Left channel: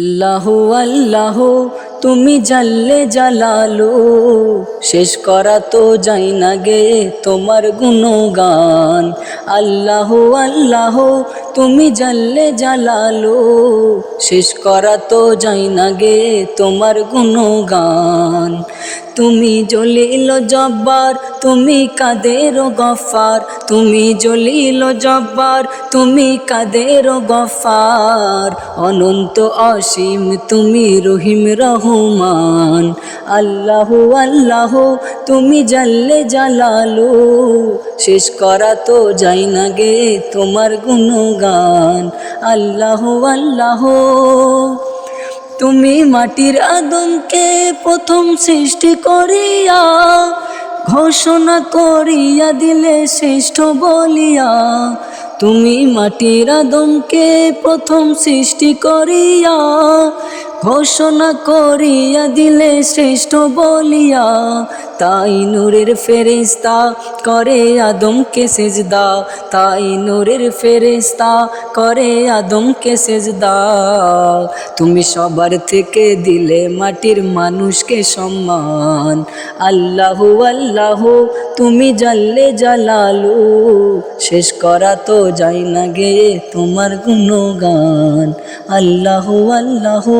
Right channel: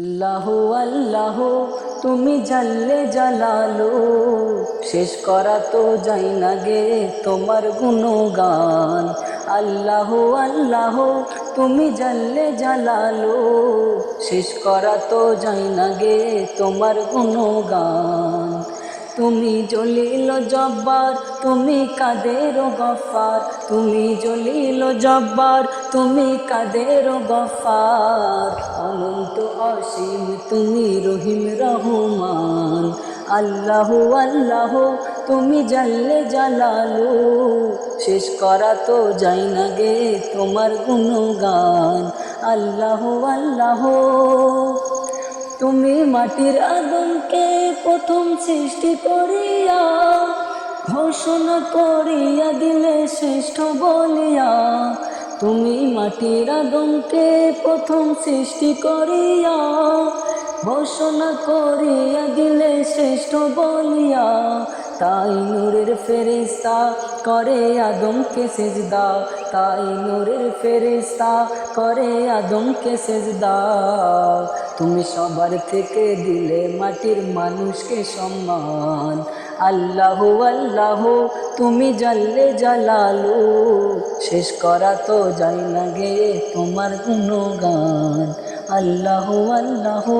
আল্লাহু আল্লাহু তুমি জাল্লে জালালু, শেষ করা তো যাই না গে তোমার গুণগান। আল্লাহু আল্লাহু তুমি জাল্লে জালালু, শেষ করা তো যাই না গে তোমার গুণগান। তুমি জলিল জব্বার, তুমি কাদের গফফার, তুমি জলিল জব্বার, তুমি কাদের গফফার। অনন্ত অসীম তুমি রহিম রহমান। আল্লাহু আল্লাহু তুমি জাল্লে জালালু, শেষ করা তো যাই না গে তোমার গুণগান। আল্লাহু আল্লাহু তুমি মাটির আদমকে প্রথম সৃষ্টি করিয়া, ঘোষণা করিয়া দিলে শ্রেষ্ঠ বলিয়া। তুমি মাটির আদমকে প্রথম সৃষ্টি করিয়া, ঘোষণা করিয়া দিলে শ্রেষ্ঠ বলিয়া। তাই নূরের ফেরেশতা করে আদমকে সেজদা, তাই নূরের ফেরেশতা করে আদমকে সেজদা। তুমি সবার থেকে দিলে মাটির মানুষকে সম্মান। আল্লাহু আল্লাহু তুমি জাল্লে জালালু, শেষ করা তো যাই না গে তোমার গুণগান। আল্লাহু আল্লাহু।